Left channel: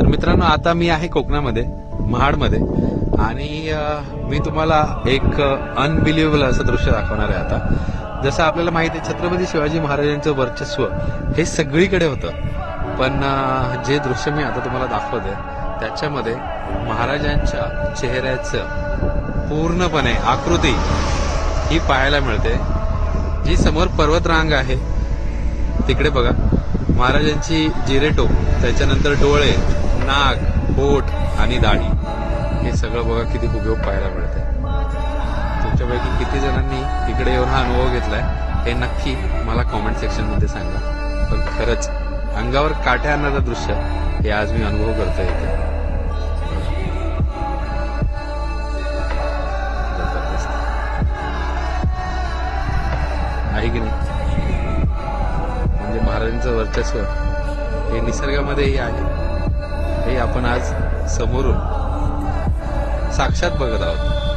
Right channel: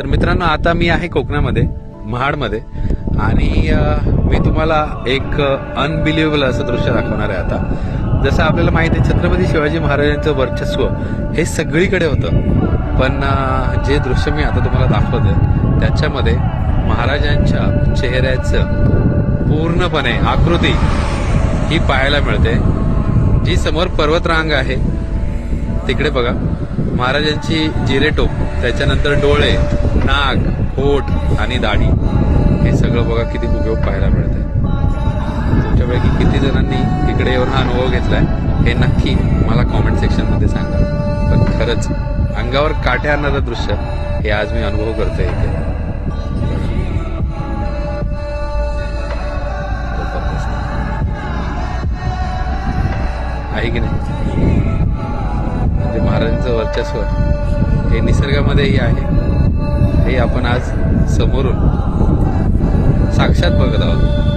तर मित्रांनो आता मी आहे कोकणामध्ये महाडमध्ये आणि मी तुम्हाला एक अनबिलिव्हेबल असं दृश्य दाखवणार आहे आता. जसं आपल्याला माहिती आहे छत्रपती शिवाजी महाराजांचं वर्चस्व हे सगळीकडे होतं. पण जे दृश्य मी आता तुम्हाला दाखवतोय त्याच्यामध्ये महाराजांच्या चेहऱ्याचं पूर्णपणे आकृती ही पाहायला मिळते. जी समोर पर्वतरांग आहे तिकडे बघा. महाराजांची जिरेटोप त्याच्यानंतर डोळे नाक पोट आणि दाढी. हे सगळं बघा किती उपयोग पाहायला मिळतं तुमच्यापैकी किती जणांनी तिकडे येऊन हा अनुभव घेतलाय हे नक्की मला कॉमेंट सेक्शनमध्ये सांगा. पण खरंच अंगावर काट्या आणणारं दृश्य हे आज मी अनुभव करता इथे. आहे की नाही? म्हणजे महाराजांचं वर्चस्व हे निसर्गामध्येही आहे. हे आपण आज समोरून साक्षात बघत आहोत.